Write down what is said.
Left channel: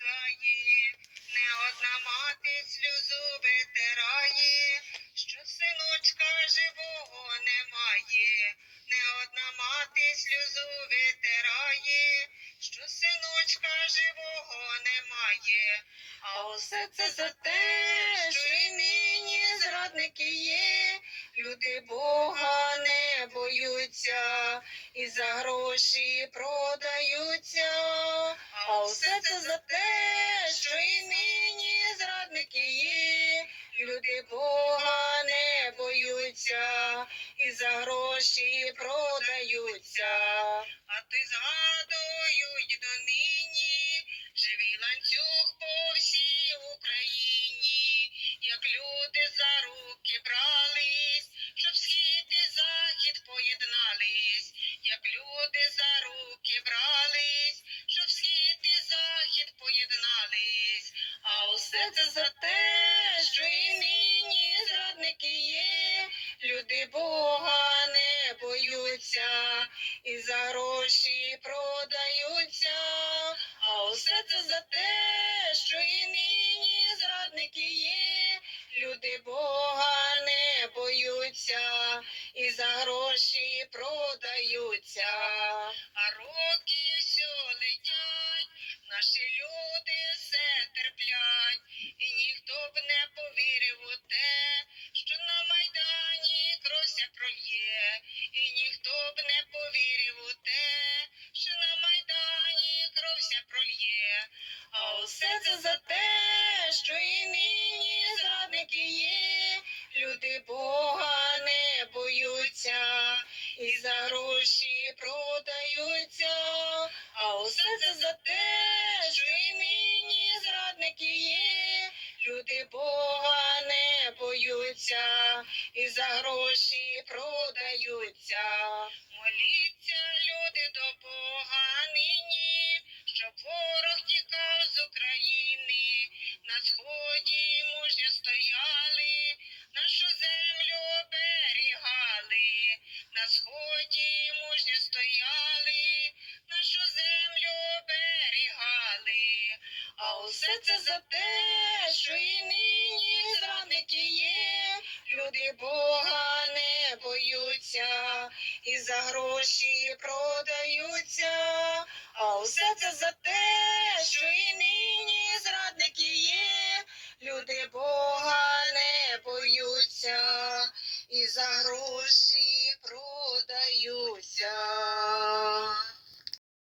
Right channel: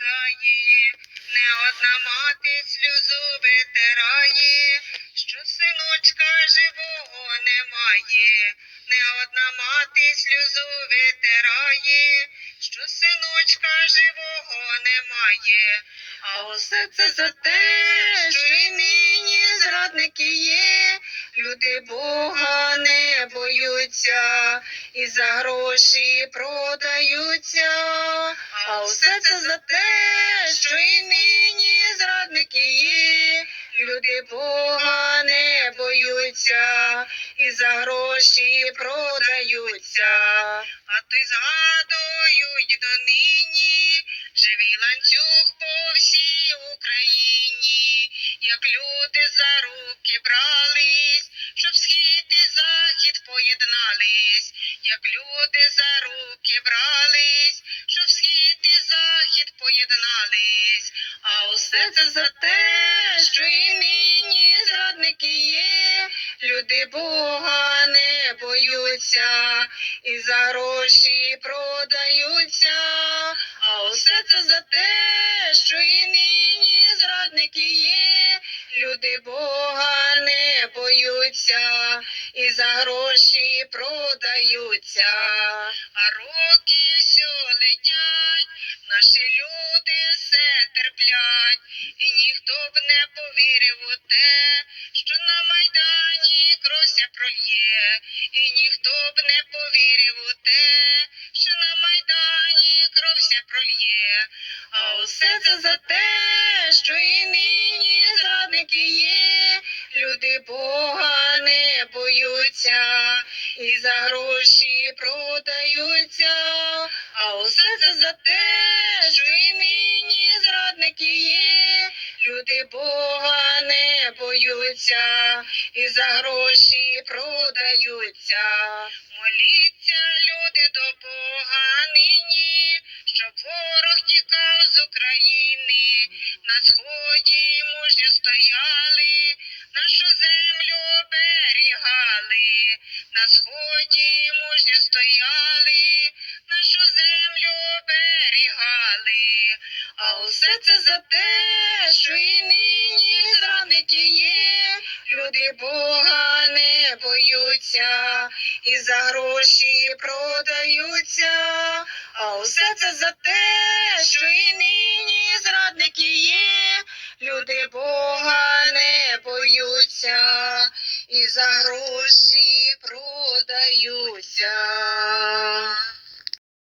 ридає, не одна мати сльозу витирає, що синочка живого немає, не одна мати сльозу витирає, що синочка живого немає, а усе це за те, що і нині зрадники є, люди Бога не боються і за гроші продаються. Усе це за те, що і нині зрадники є, люди Бога не боються і за гроші продаються. А ти згадують донині живий ланцюг А усе це за те, що і нині зрадники є, люди Бога не боються і за гроші продаються. А усе це за те, що і нині зрадники є, люди Бога не боються і за гроші продаються. А роки все летять, наші люди все і ніхто б не повірив у те, що на майдані кровся прольє, і ніхто б не повірив у те, що на майдані кровся прольє. А усе це за те, що і нині люди Бога не боються і за гроші продаються. Моліться, люди до Бога нині, щоб ворог тікав з України, на сході мужньо стояли, нашу землю оберігали, на сході мужньо стояли, нашу землю оберігали. А усе це за те, що і нині зрадники є, люди Бога не боються і за гроші продаються. А усе це за те, що і нині зрадники є, люди Бога не боються і за гроші продаються.